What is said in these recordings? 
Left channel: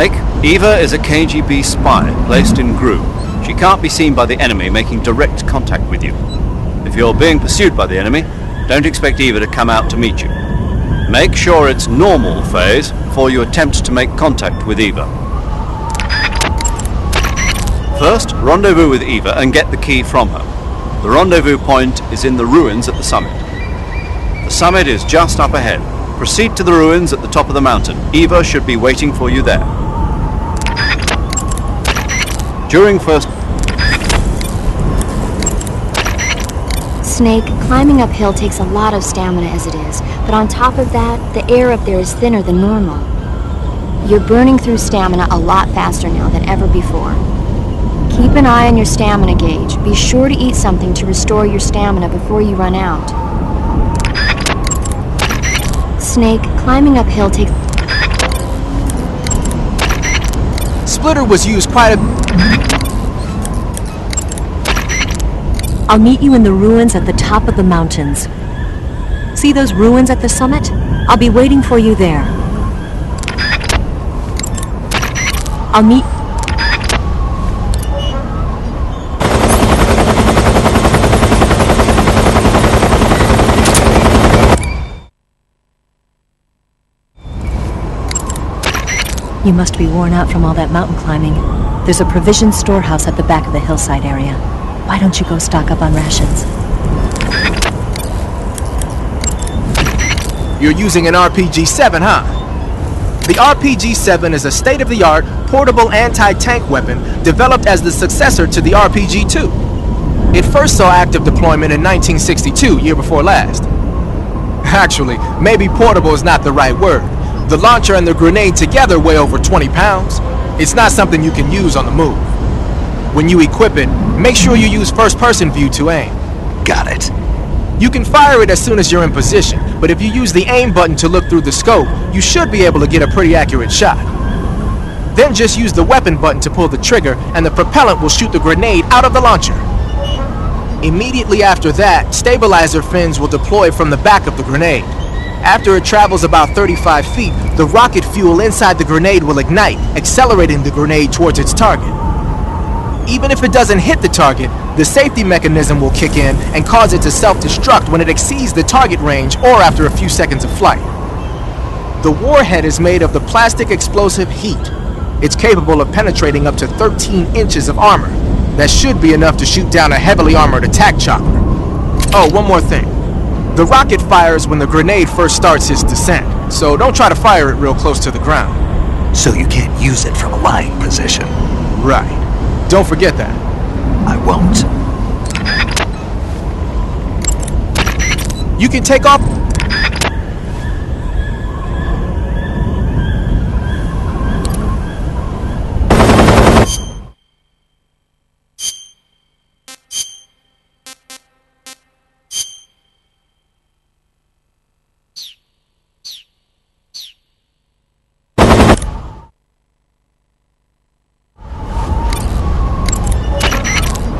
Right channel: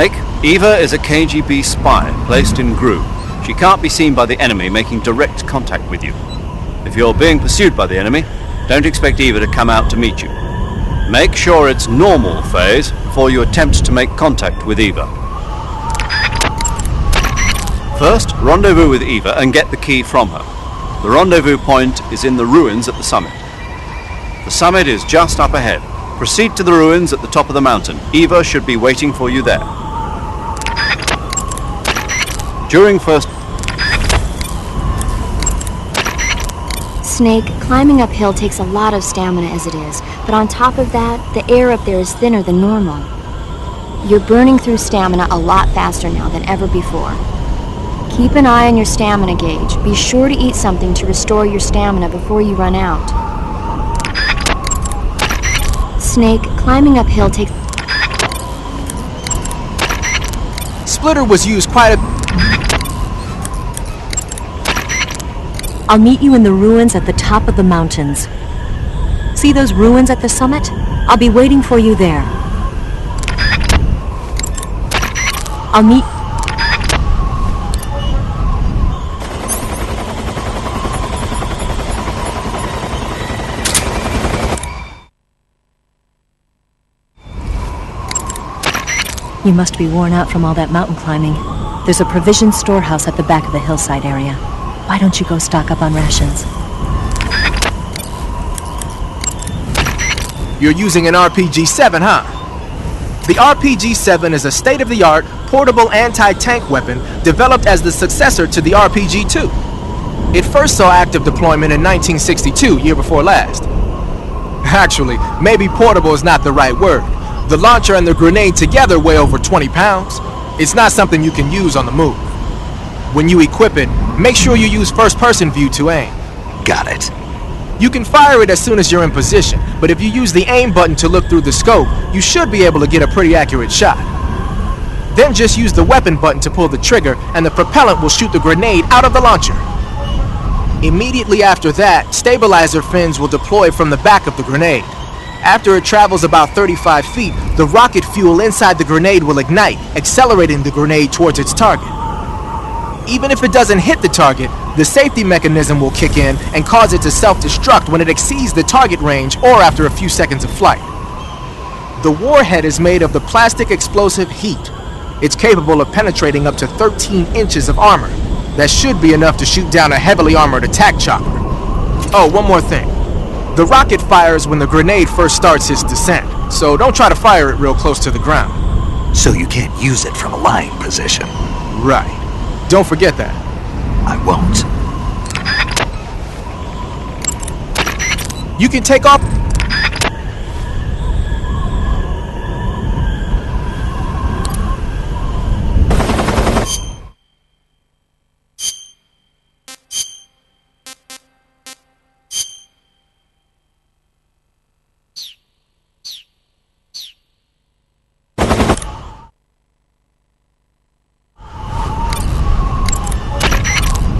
Snake, Eva is a KGB spy placed in Gru. She can't be seen by the enemy making direct contact with you. If you're being pursued by the enemy, don't expect Eva to come out to meet you. Make sure it's normal phase before you attempt to make contact with Eva. First, rendezvous with Eva and get the key from her. The rendezvous point is in the ruins at the summit. The summit is just up ahead. Proceed to the ruins at the top of the mountain. Eva should be waiting for you there. Snake, climbing uphill takes a lot of stamina as it is, but on top of that, the air up there is thinner than normal. You're burning through stamina a lot faster now than ever before. Keep an eye on your stamina gauge. Be sure to eat something to restore your stamina before you run out. Snake, climbing uphill takes... Splitter was used quite a... I'll meet you in the ruins at the top of the mountains. See those ruins at the summit? I'll be waiting for you there. I'll meet... You must be worn out from all that mountain climbing. There's a provision storehouse at the back of the hillside area. Why don't you go stock up on rations? You're using an RPG-7, huh? The RPG-7 is a state-of-the-art, portable anti-tank weapon developed as the successor to the RPG-2. It first saw active deployment in 1962, year before last. Actually, maybe portable is not the right word. The launcher and the grenade together weigh over 20 pounds. It's not something you can use on the move. When you equip it, make sure you use first-person view to aim. Got it. You can fire it as soon as you're in position, but if you use the aim button to look through the scope, you should be able to get a pretty accurate shot. Then just use the weapon button to pull the trigger, and the propellant will shoot the grenade out of the launcher. Immediately after that, stabilizer fins will deploy from the back of the grenade. After it travels about 35 feet, the rocket fuel inside the grenade will ignite, accelerating the grenade towards its target. Even if it doesn't hit the target, the safety mechanism will kick in and cause it to self-destruct when it exceeds the target range or after a few seconds of flight. The warhead is made of the plastic explosive heat. It's capable of penetrating up to 13 inches of armor. That should be enough to shoot down a heavily armored attack chopper. Oh, one more thing. The rocket fires when the grenade first starts its descent, so don't try to fire it real close to the ground. So you can't use it from a lying position. Right. Don't forget that. I won't. You can take off...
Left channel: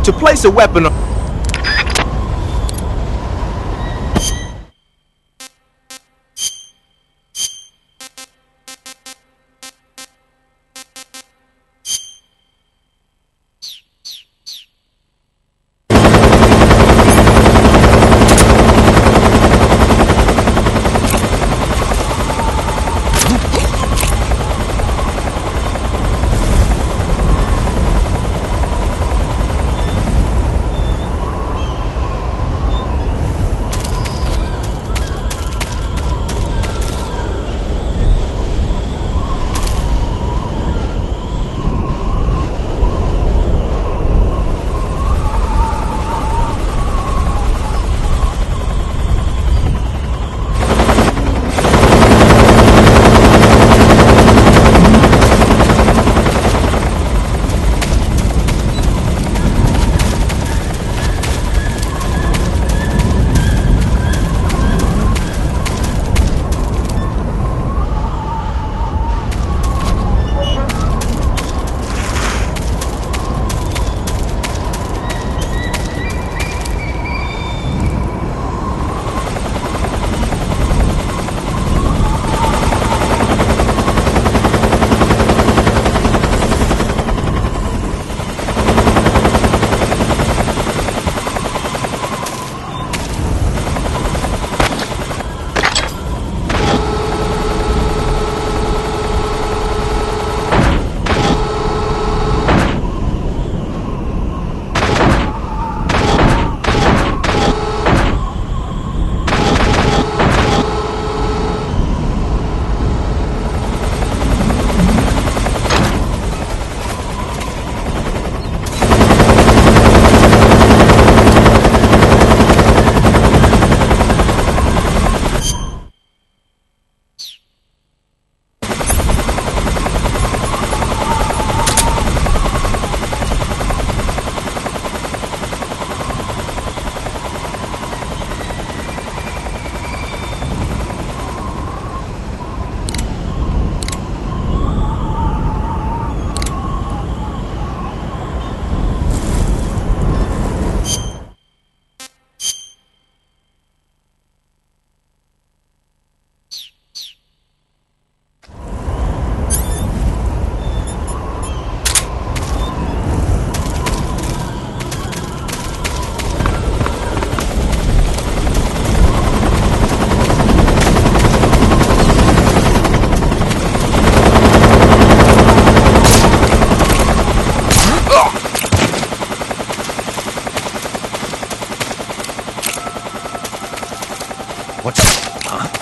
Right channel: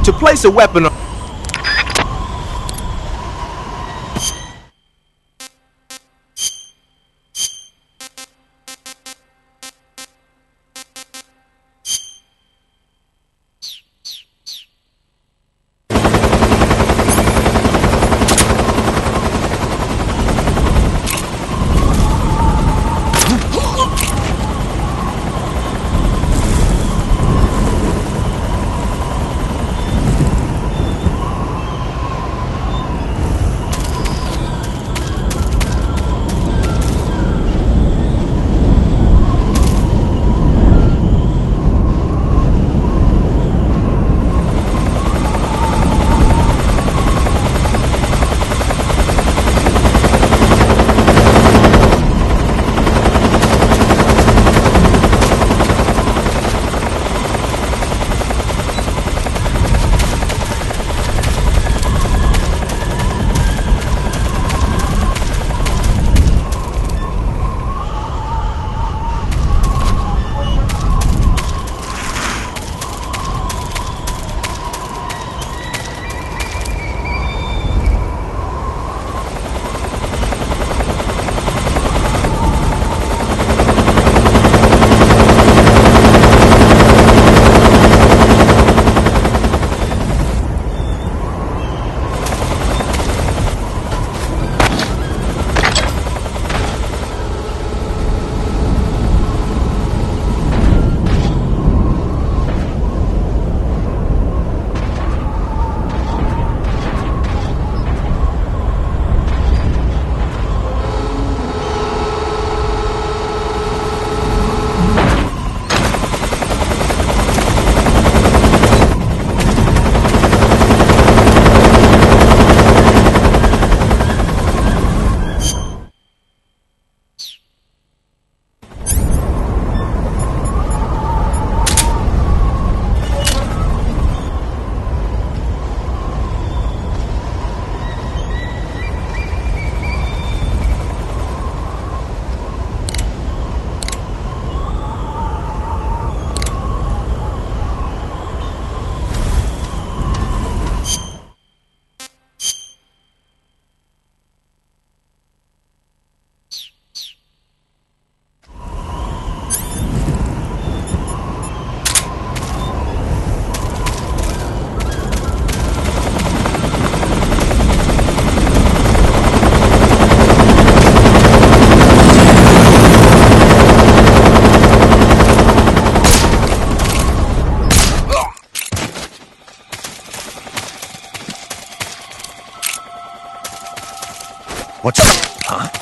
To place a weapon on... What's... Huh?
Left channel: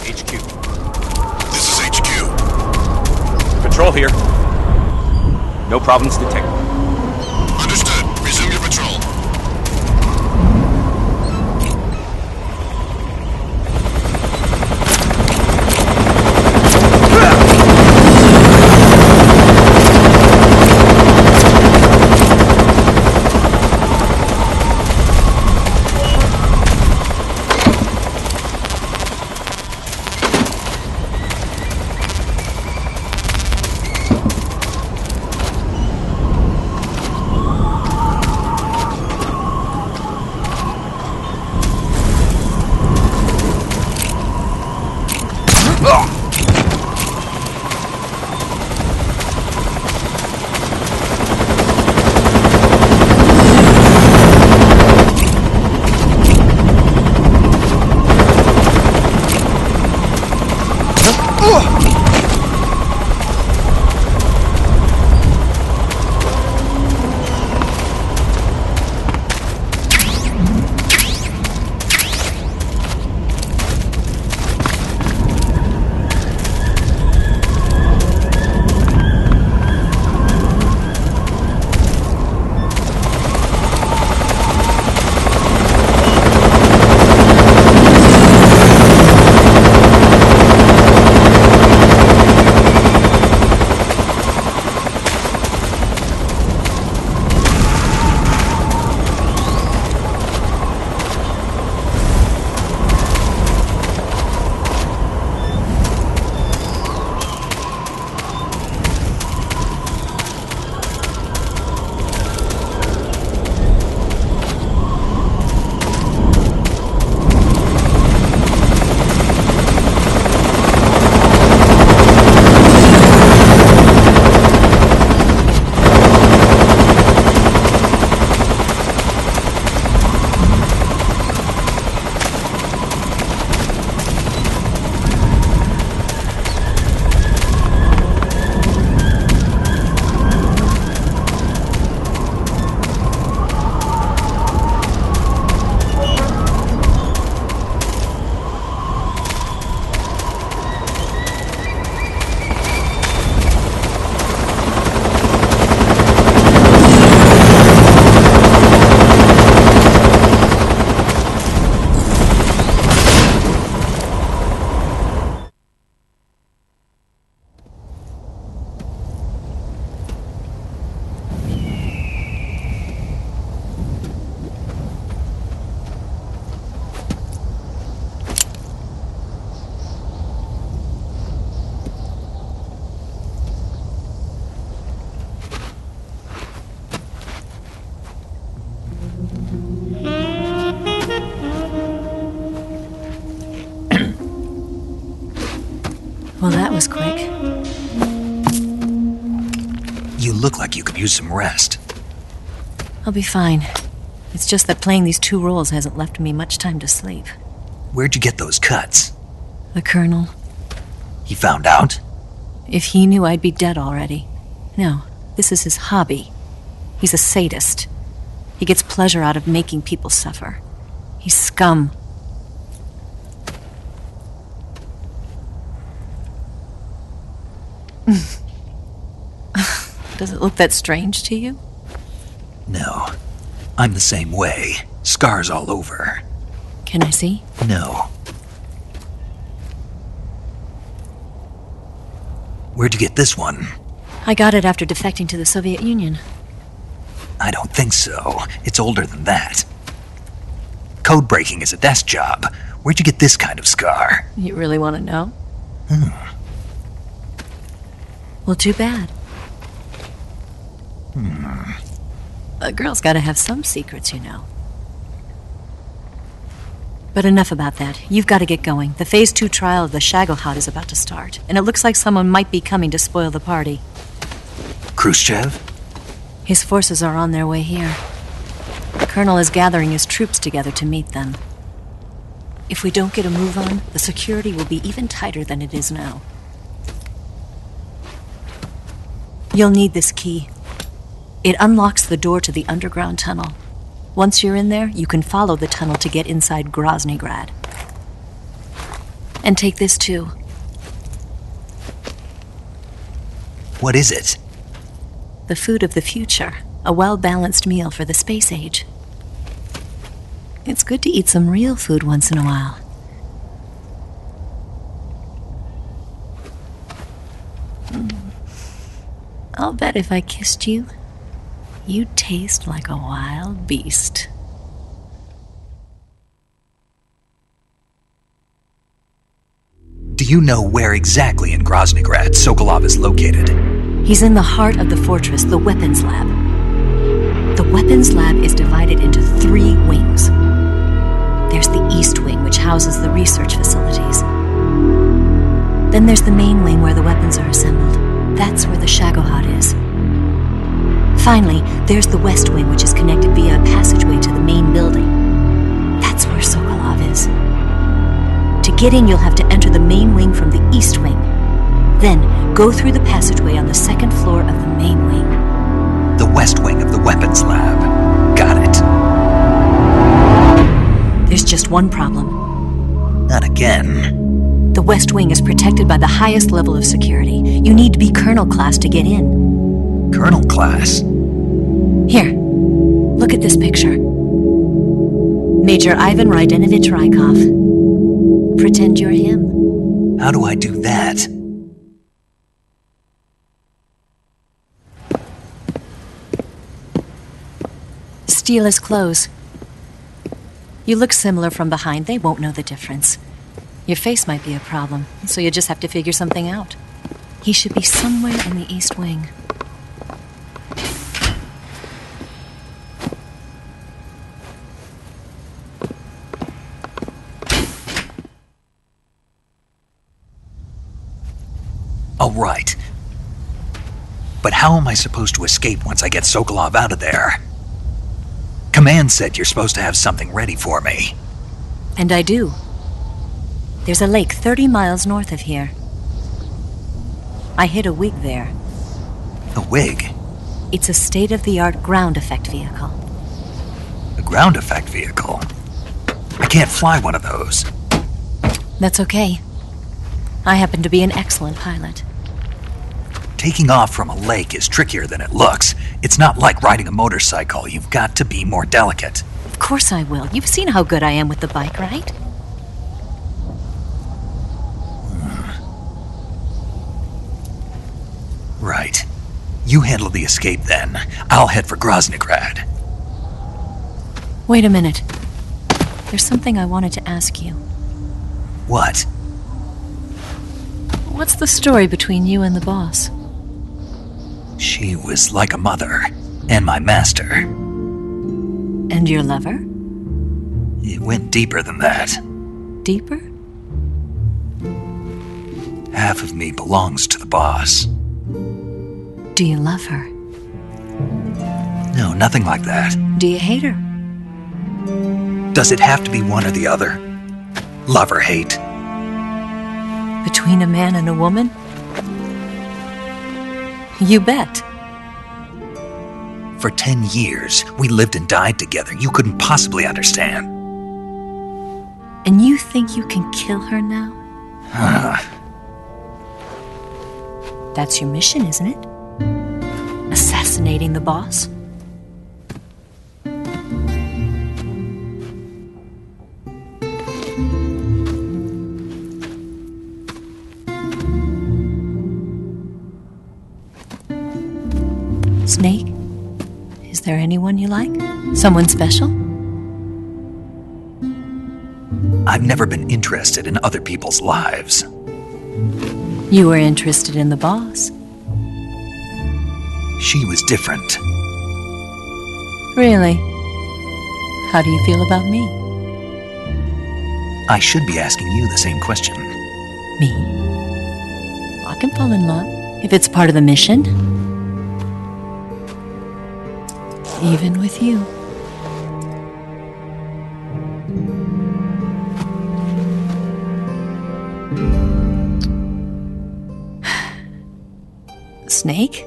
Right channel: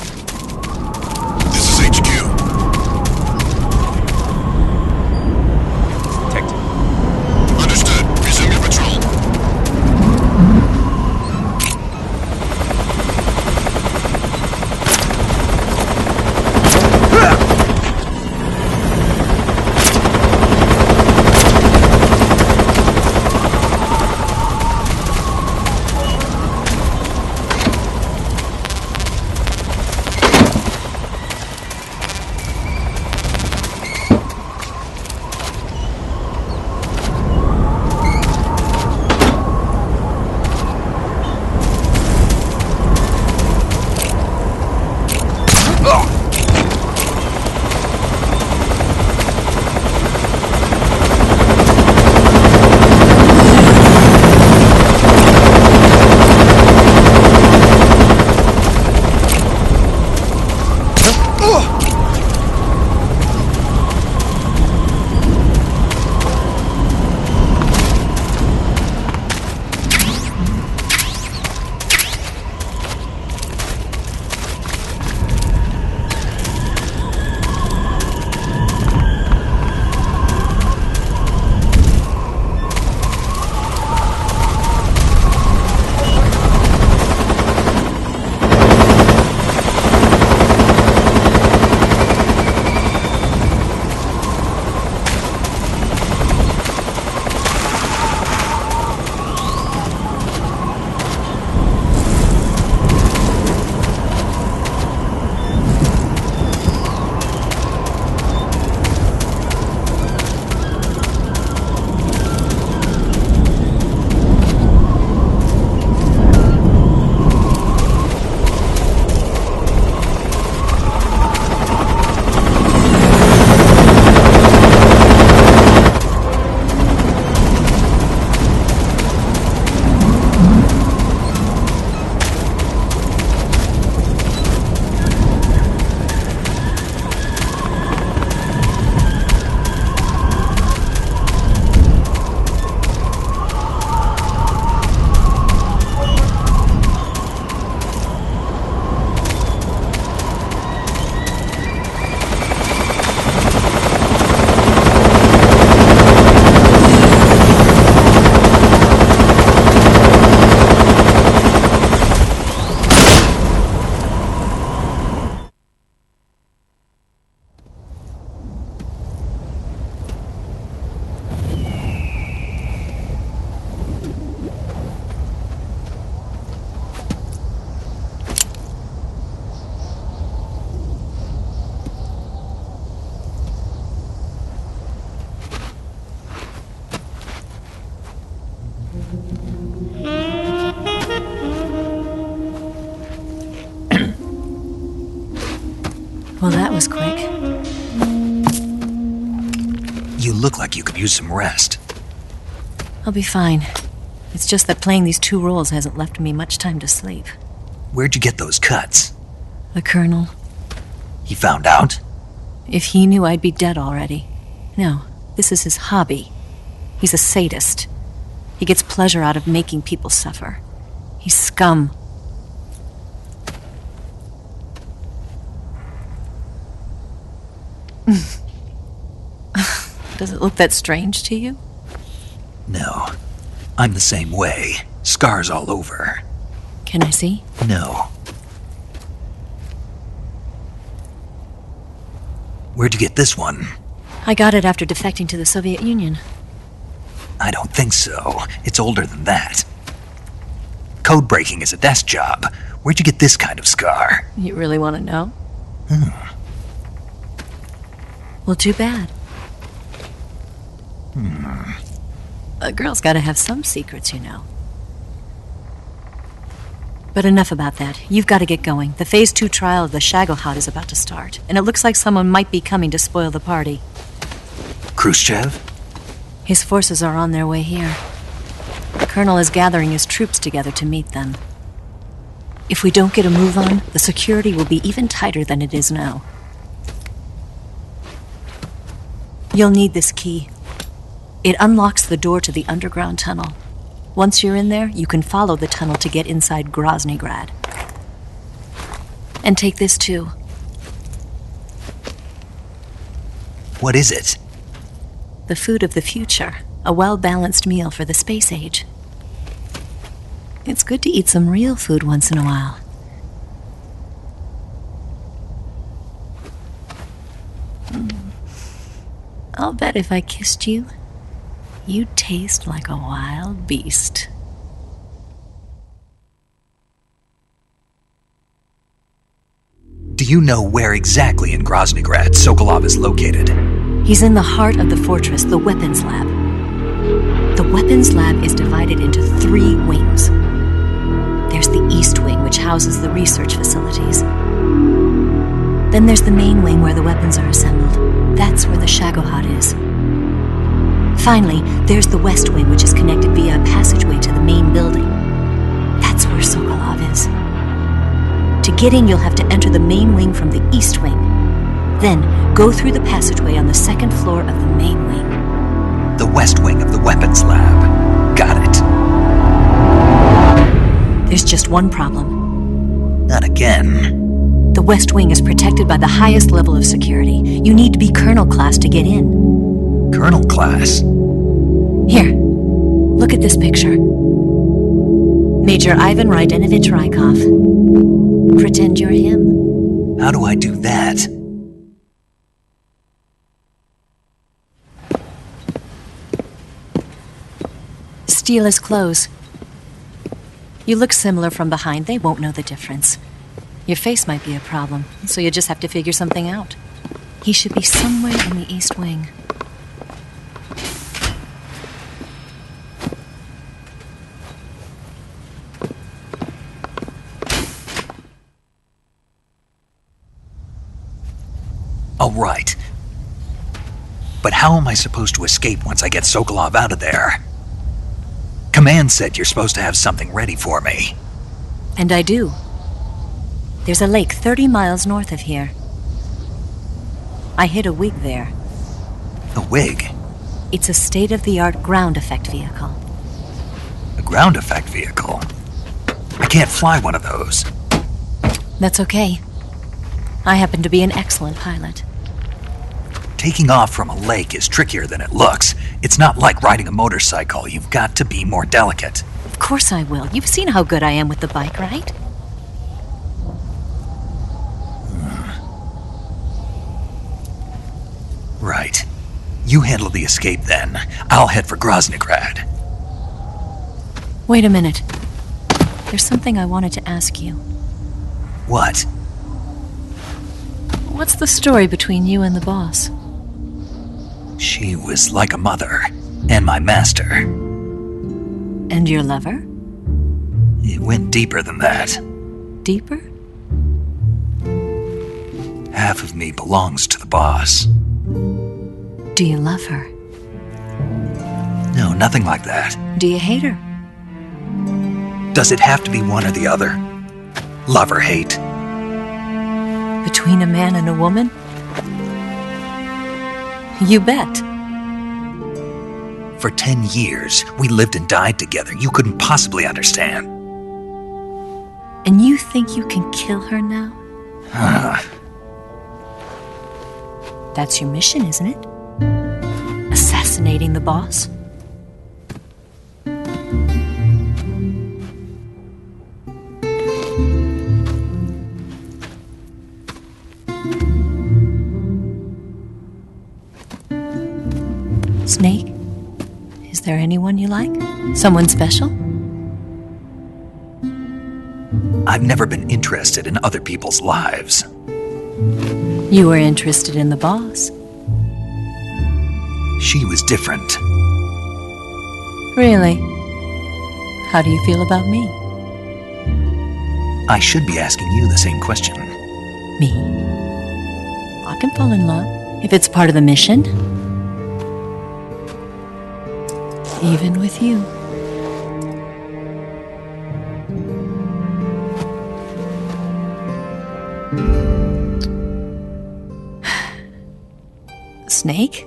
HQ. This is HQ. Patrol here. No problems detected. Understood. Resume your patrol. Well, that was quick. You look like you could use some rest. I'll be fine. It's just that playing these two roles hasn't left me much time to sleep. Where'd you get those cuts? The Colonel. He found out? If he knew, I'd be dead already. No, this is his hobby. He's a sadist. He gets pleasure out of making people suffer. He's scum. Does it look that strange to you? No. I'm the same way. Scars all over. Can I see? No. Where'd you get this one? I got it after defecting to the Soviet Union. I don't think so. It's older than that. Code breaking is a desk job. Where'd you get this kind of scar? You really want to know? Well, too bad. A girl's got to have some secrets, you know. But enough about that. You've got to get going. The Phase 2 trial of the Shagohod is about to start, and it looks like someone might be coming to spoil the party. Khrushchev? His forces are on their way here. The Colonel is gathering his troops together to meet them. If we don't get a move on, the security will be even tighter than it is now. You'll need this key. It unlocks the door to the underground tunnel. Once you're in there, you can follow the tunnel to get inside Krasnogorje. And take this too. What is it? The food of the future. A well-balanced meal for the space age. It's good to eat some real food once in a while. I'll bet if I kissed you, you'd taste like a wild beast. Do you know where exactly in Krasnogorje Sokolov is located? He's in the heart of the fortress, the weapons lab. The weapons lab is divided into 3 wings. There's the East Wing, which houses the research facilities. Then there's the main wing where the weapons are assembled. That's where the Shagohod is. Finally, there's the West Wing, which is connected via a passageway to the main building. That's where Sokolov is. To get in, you'll have to enter the main wing from the East Wing. Then, go through the passageway on the 2nd floor of the main wing. The West Wing of the weapons lab. Got it. There's just one problem. Not again. The West Wing is protected by the highest level of security. You need to be Colonel class to get in. Colonel class? Here, look at this picture. Major Ivan Rydenovich Rykov. Pretend you're him. How do I do that? Steal his clothes. You look similar from behind. They won't know the difference. Your face might be a problem, so you just have to figure something out. He should be somewhere in the East Wing. Oh, right. But how am I supposed to escape once I get Sokolov out of there? Command said you're supposed to have something ready for me. And I do. There's a lake 30 miles north of here. I hid a wig there. A wig? It's a state-of-the-art ground effect vehicle. A ground effect vehicle? I can't fly one of those. That's okay. I happen to be an excellent pilot. Taking off from a lake is trickier than it looks. It's not like riding a motorcycle. You've got to be more delicate. Of course I will. You've seen how good I am with the bike, right? Right. You handle the escape then. I'll head for Krasnogorje. Wait a minute. There's something I wanted to ask you. What? What's the story between you and the boss? She was like a mother, and my master. And your lover? It went deeper than that. Deeper? Half of me belongs to the boss. Do you love her? No, nothing like that. Do you hate her? Does it have to be one or the other? Love or hate? Between a man and a woman? You bet. For 10 years, we lived and died together. You couldn't possibly understand. And you think you can kill her now? That's your mission, isn't it? Assassinating the boss? Snake? Is there anyone you like? Someone special? I've never been interested in other people's lives. You were interested in the boss. She was different. Really? How do you feel about me? I should be asking you the same question. Me? I can fall in love if it's part of the mission. Even with you. Snake?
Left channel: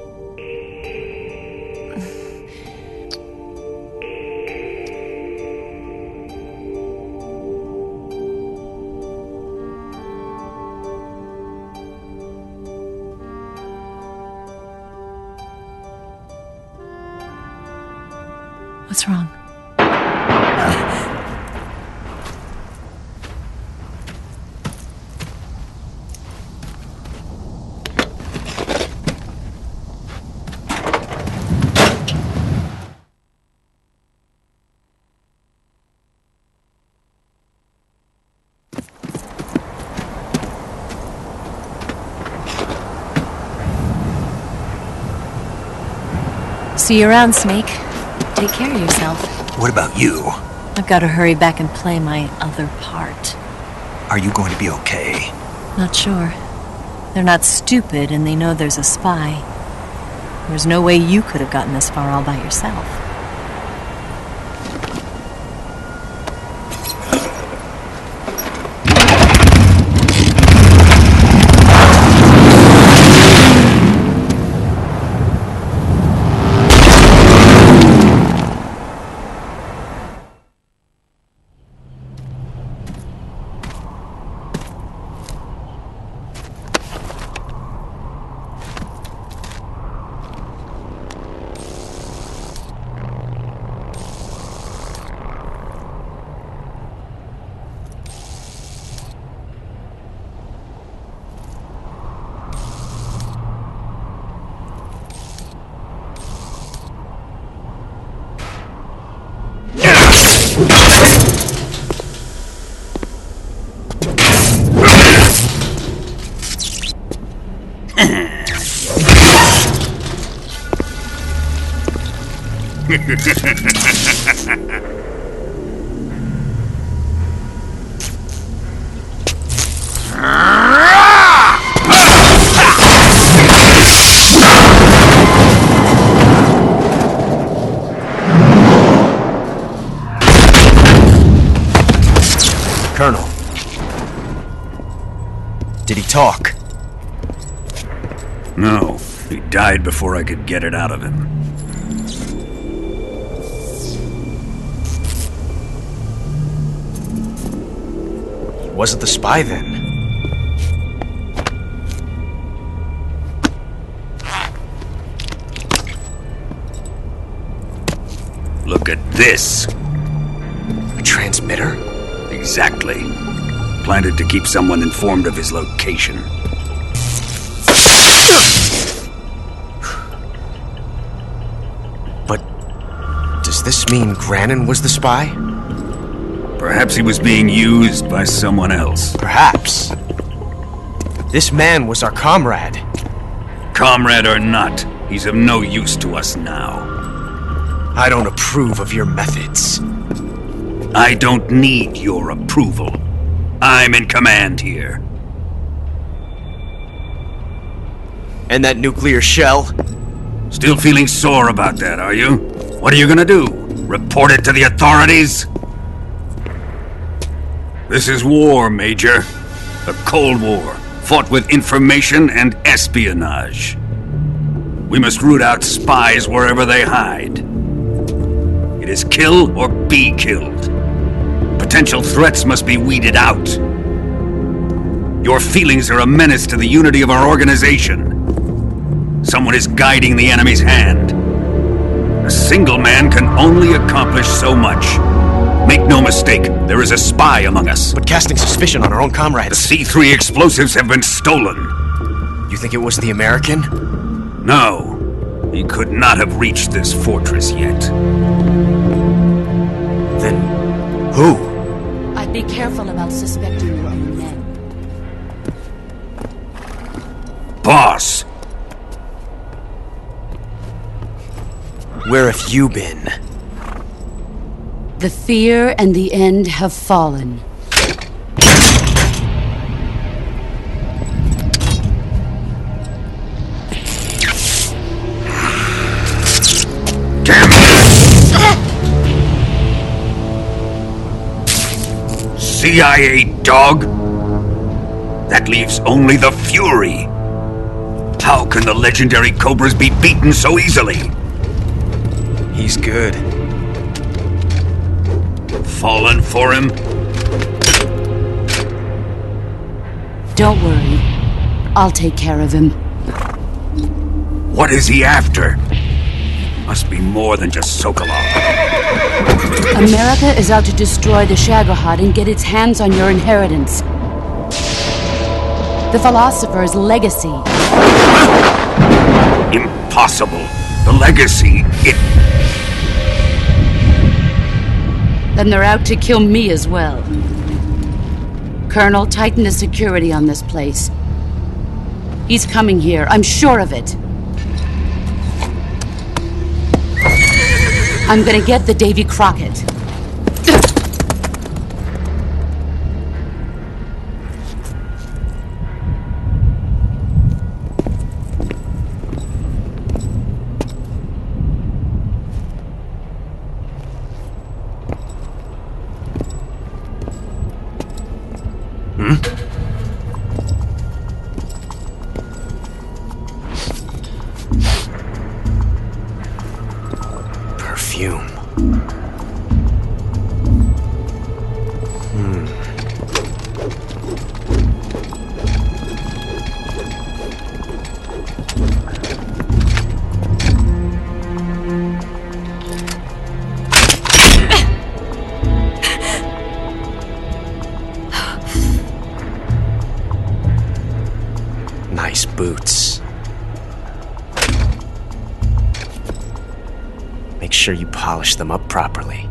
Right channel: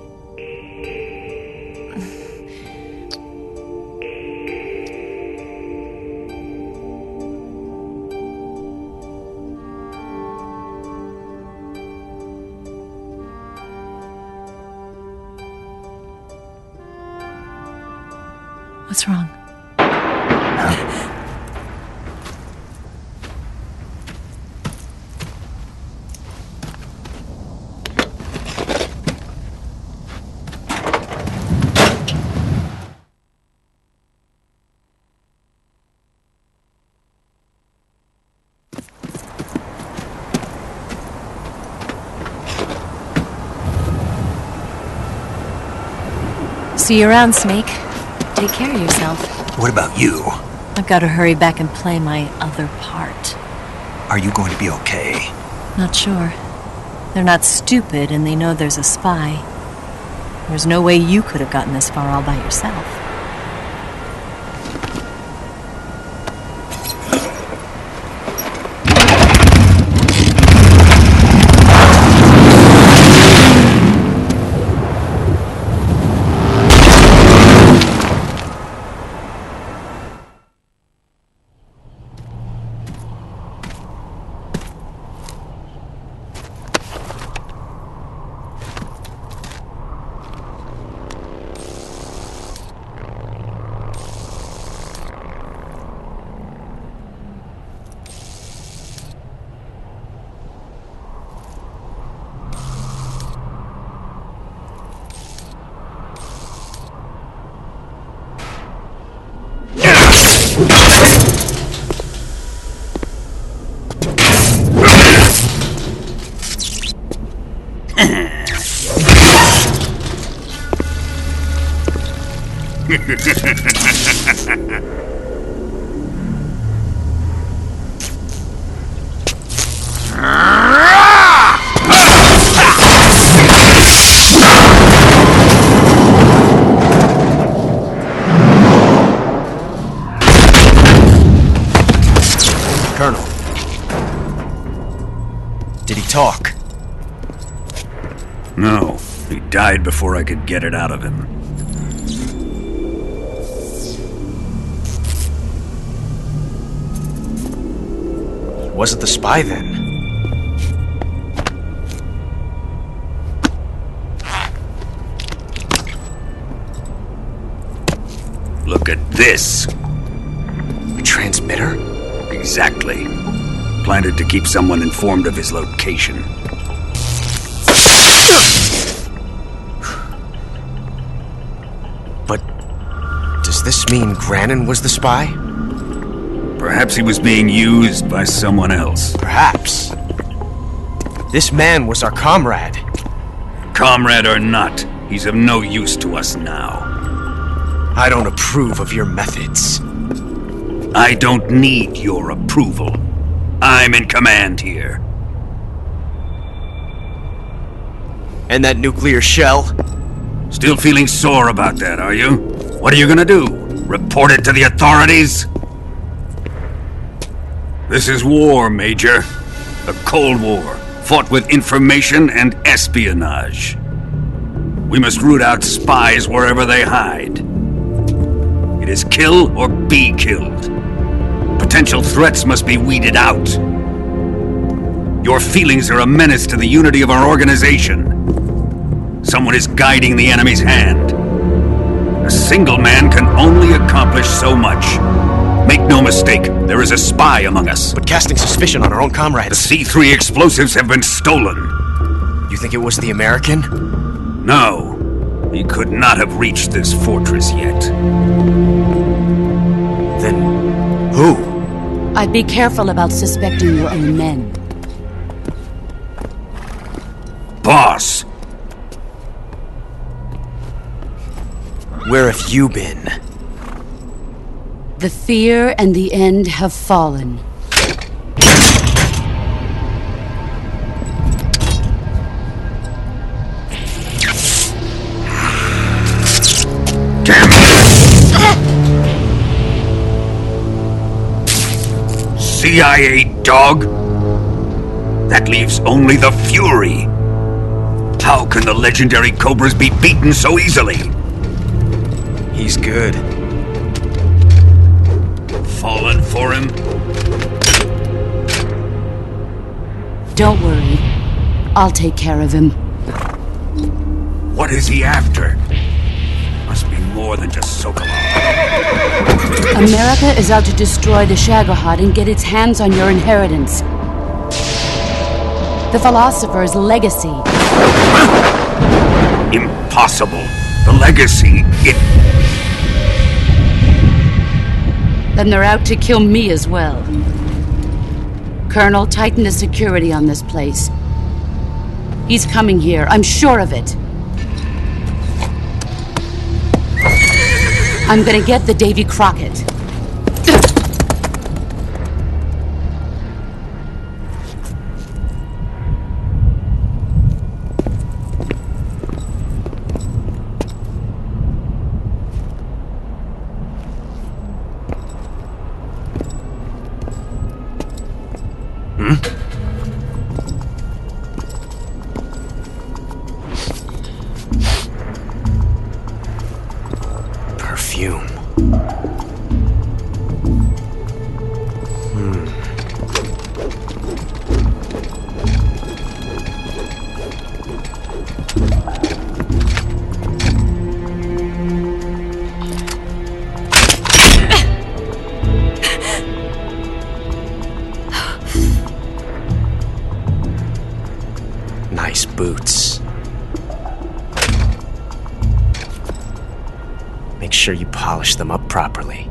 What's wrong? See you around, Snake. Take care of yourself. What about you? I've got to hurry back and play my other part. Are you going to be okay? Not sure. They're not stupid, and they know there's a spy. There's no way you could have gotten this far all by yourself. Colonel. Did he talk? No, he died before I could get it out of him. He wasn't the spy then. Look at this. A transmitter? Exactly. Planted to keep someone informed of his location. But does this mean Grannon was the spy? Perhaps he was being used by someone else. Perhaps. This man was our comrade. Comrade or not, he's of no use to us now. I don't approve of your methods. I don't need your approval. I'm in command here. And that nuclear shell? Still feeling sore about that, are you? What are you gonna do? Report it to the authorities? This is war, Major. The Cold War, fought with information and espionage. We must root out spies wherever they hide. It is kill or be killed. Potential threats must be weeded out. Your feelings are a menace to the unity of our organization. Someone is guiding the enemy's hand. A single man can only accomplish so much. Make no mistake, there is a spy among us. But casting suspicion on our own The comrades. C3 explosives have been stolen. You think it was the American? No, he could not have reached this fortress yet. Then who? I'd be careful about suspecting your own men. Boss! Where have you been? The fear and the end have fallen. Damn it! CIA dog? That leaves only the Fury. How can the legendary Cobras be beaten so easily? He's good. Fallen for him? Don't worry. I'll take care of him. What is he after? Must be more than just Sokolov. America is out to destroy the Shagohod and get its hands on your inheritance. The philosopher's legacy. Impossible. The legacy, Then they're out to kill me as well. Colonel, tighten the security on this place. He's coming here, I'm sure of it. I'm gonna get the Davy Crockett. Perfume. Nice boots. Make sure you polish them up properly.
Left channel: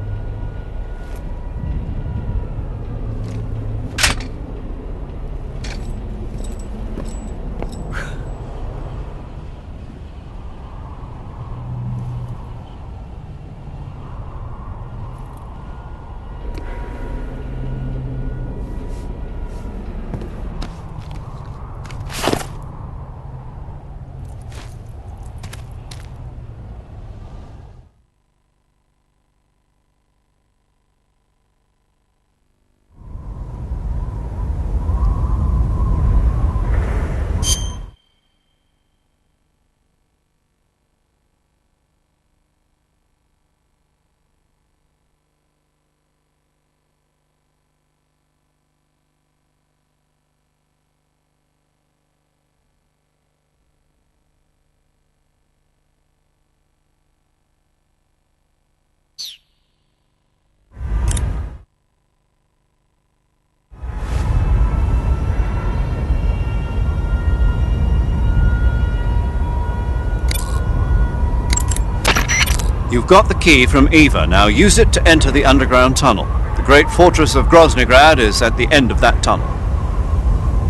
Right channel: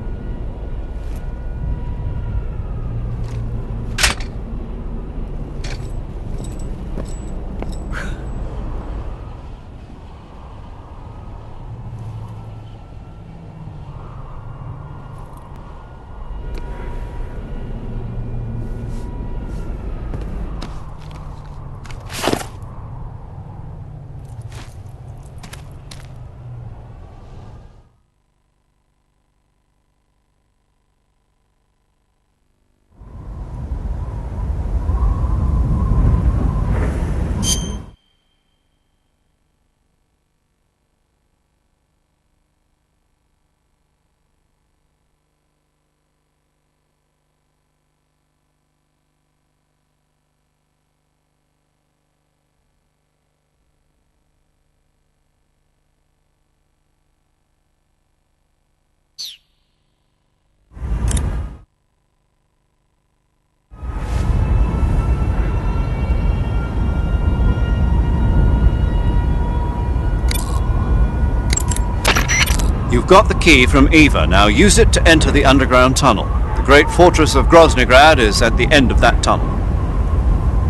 You've got the key from Eva. Now use it to enter the underground tunnel. The great fortress of Krasnogorje is at the end of that tunnel.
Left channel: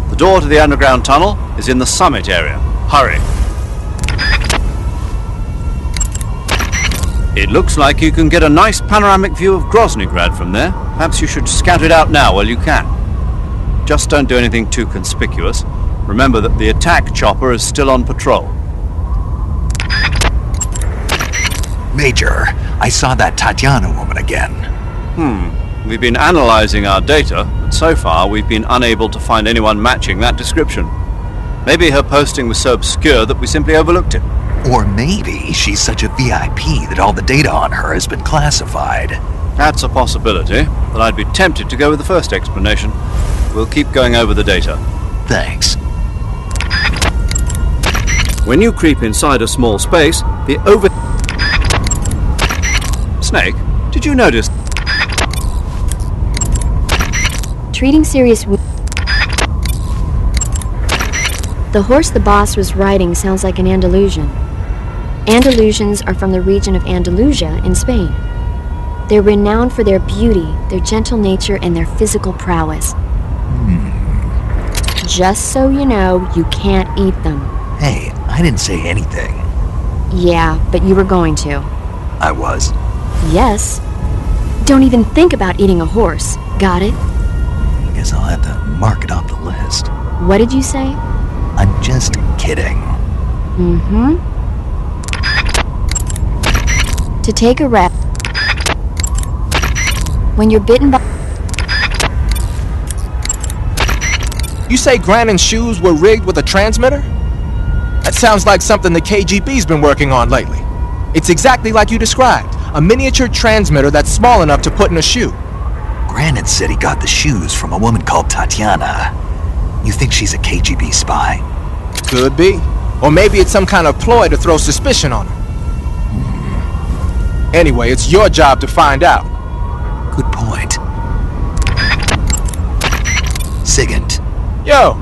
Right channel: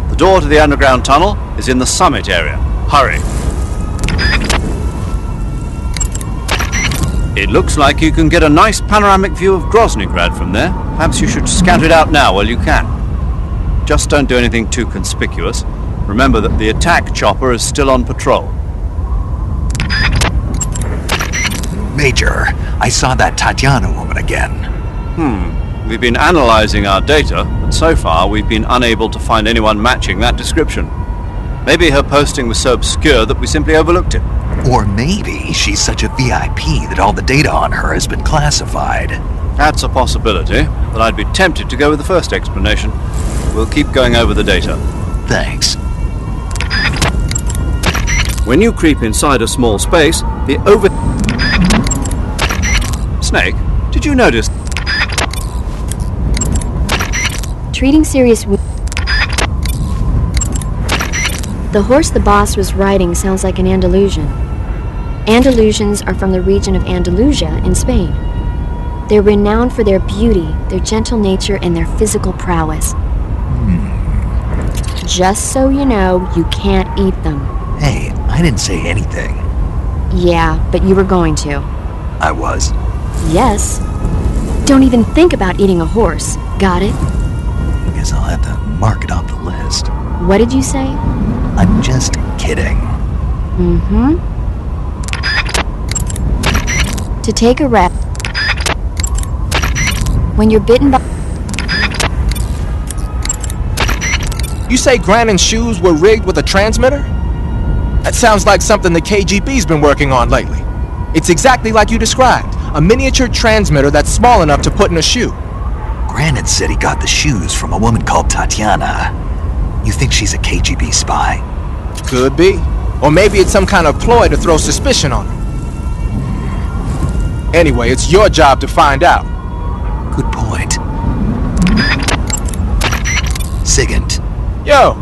The door to the underground tunnel is in the summit area. Hurry. It looks like you can get a nice panoramic view of Krasnogorje from there. Perhaps you should scout it out now while you can. Just don't do anything too conspicuous. Remember that the attack chopper is still on patrol. Major, I saw that Tatiana woman again. We've been analyzing our data, but so far we've been unable to find anyone matching that description. Maybe her posting was so obscure that we simply overlooked it. Or maybe she's such a VIP that all the data on her has been classified. That's a possibility, but I'd be tempted to go with the first explanation. We'll keep going over the data. Thanks. When you creep inside a small space, the Snake, did you notice? Treating serious The horse the boss was riding sounds like an Andalusian. Andalusians are from the region of Andalusia in Spain. They're renowned for their beauty, their gentle nature, and their physical prowess. Just so you know, you can't eat them. Hey, I didn't say anything. Yeah, but you were going to. I was. Yes. Don't even think about eating a horse. Got it? Guess I'll have to mark it off the list. What did you say? I'm just kidding. To take a rep. When you're bitten by... You say Grannon's shoes were rigged with a transmitter? That sounds like something the KGB's been working on lately. It's exactly like you described. A miniature transmitter that's small enough to put in a shoe. Grannon said he got the shoes from a woman called Tatiana. You think she's a KGB spy? Could be. Or maybe it's some kind of ploy to throw suspicion on her. Anyway, it's your job to find out. Good point. Sigint, Yo,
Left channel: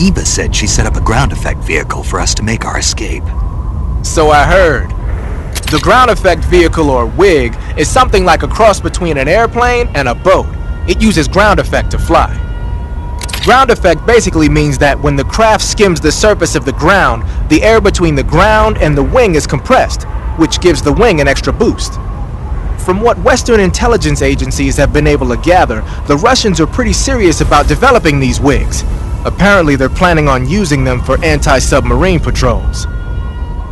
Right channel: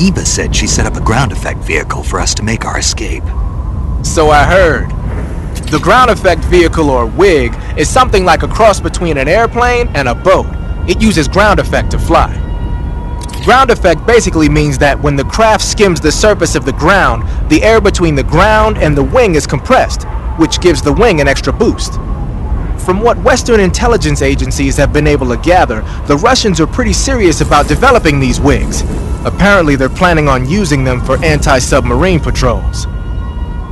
Eva said she set up a ground effect vehicle for us to make our escape. so I heard. The ground effect vehicle, or WIG, is something like a cross between an airplane and a boat. It uses ground effect to fly. Ground effect basically means that when the craft skims the surface of the ground, the air between the ground and the wing is compressed, which gives the wing an extra boost. From what Western intelligence agencies have been able to gather, the Russians are pretty serious about developing these WIGs. Apparently they're planning on using them for anti-submarine patrols.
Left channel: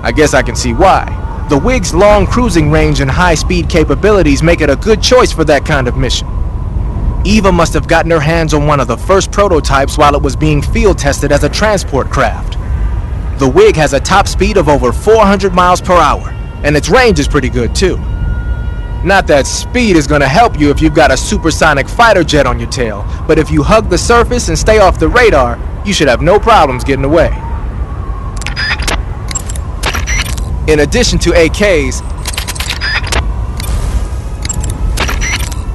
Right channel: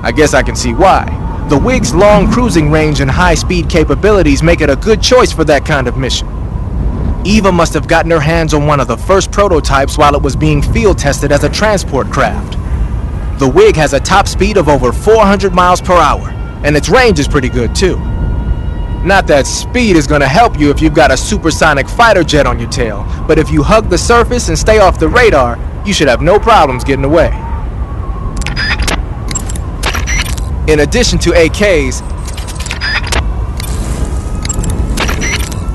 I guess I can see why. The WIG's long cruising range and high-speed capabilities make it a good choice for that kind of mission. Eva must have gotten her hands on one of the first prototypes while it was being field tested as a transport craft. The WIG has a top speed of over 400 miles per hour, and its range is pretty good too. Not that speed is gonna help you if you've got a supersonic fighter jet on your tail, but if you hug the surface and stay off the radar, you should have no problems getting away. In addition to AKs,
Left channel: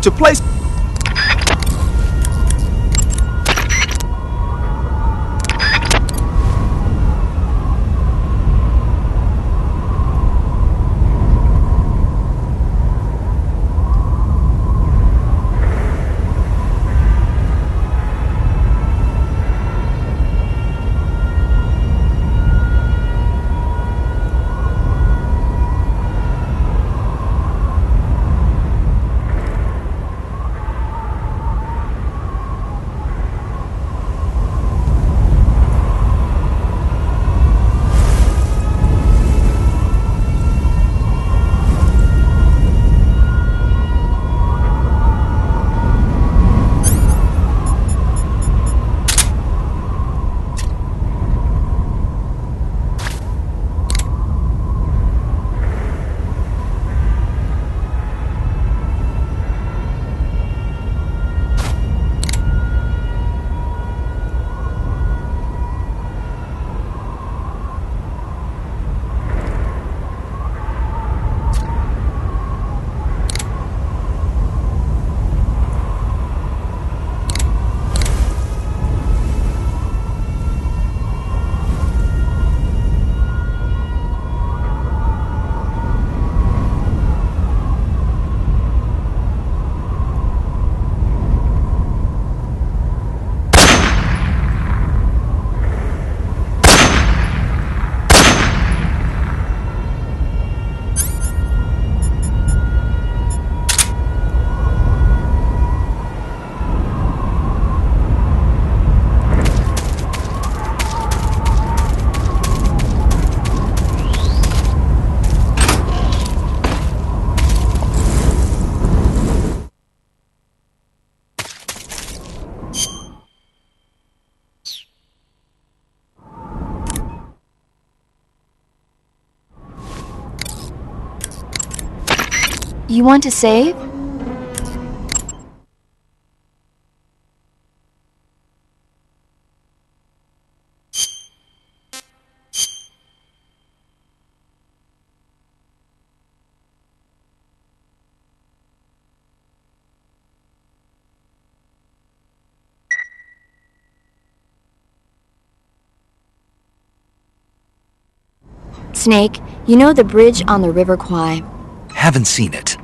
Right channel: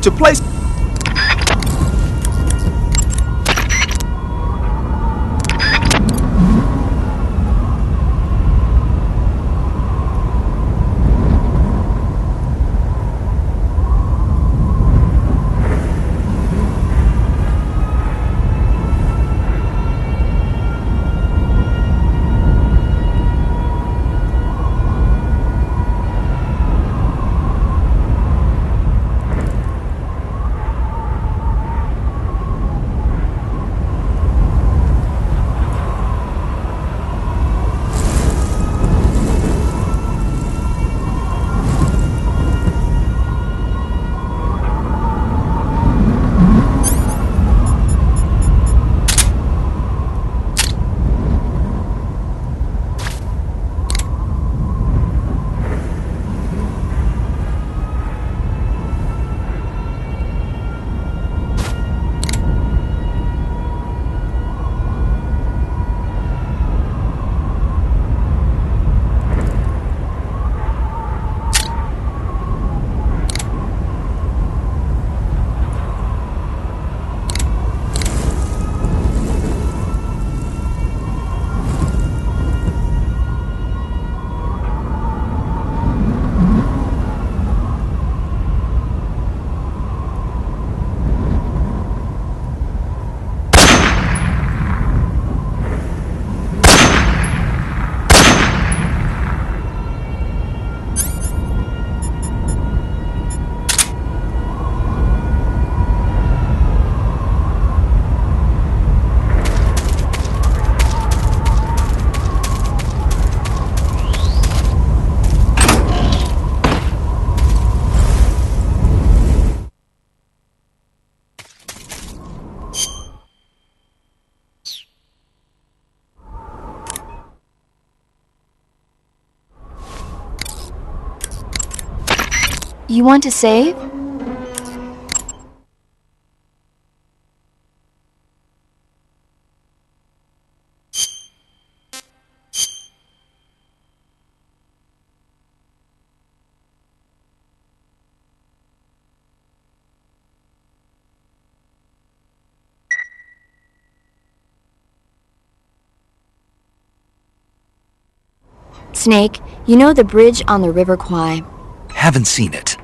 to place You want to save? Snake, you know the bridge on the River Kwai? Haven't seen it.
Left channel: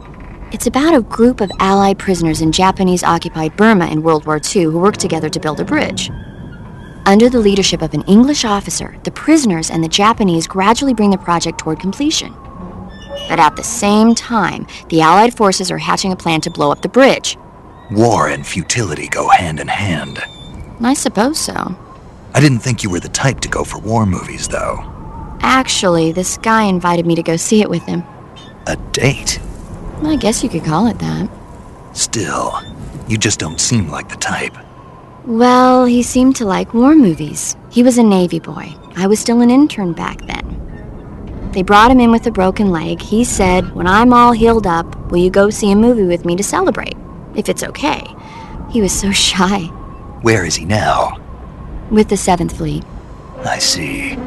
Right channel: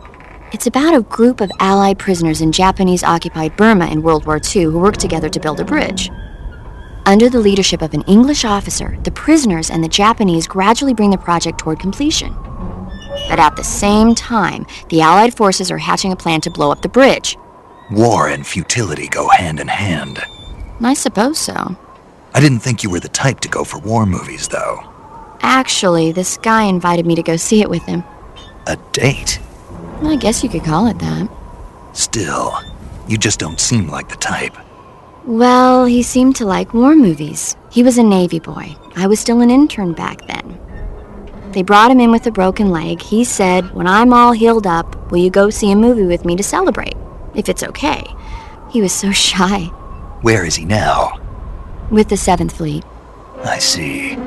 It's about a group of Allied prisoners in Japanese-occupied Burma in World War II who worked together to build a bridge. Under the leadership of an English officer, the prisoners and the Japanese gradually bring the project toward completion. But at the same time, the Allied forces are hatching a plan to blow up the bridge. War and futility go hand in hand. I suppose so. I didn't think you were the type to go for war movies, though. Actually, this guy invited me to go see it with him. A date? I guess you could call it that. Still, you just don't seem like the type. Well, he seemed to like war movies. He was a Navy boy. I was still an intern back then. They brought him in with a broken leg. He said, when I'm all healed up, will you go see a movie with me to celebrate? If it's okay. He was so shy. Where is he now? With the 7th Fleet. I see.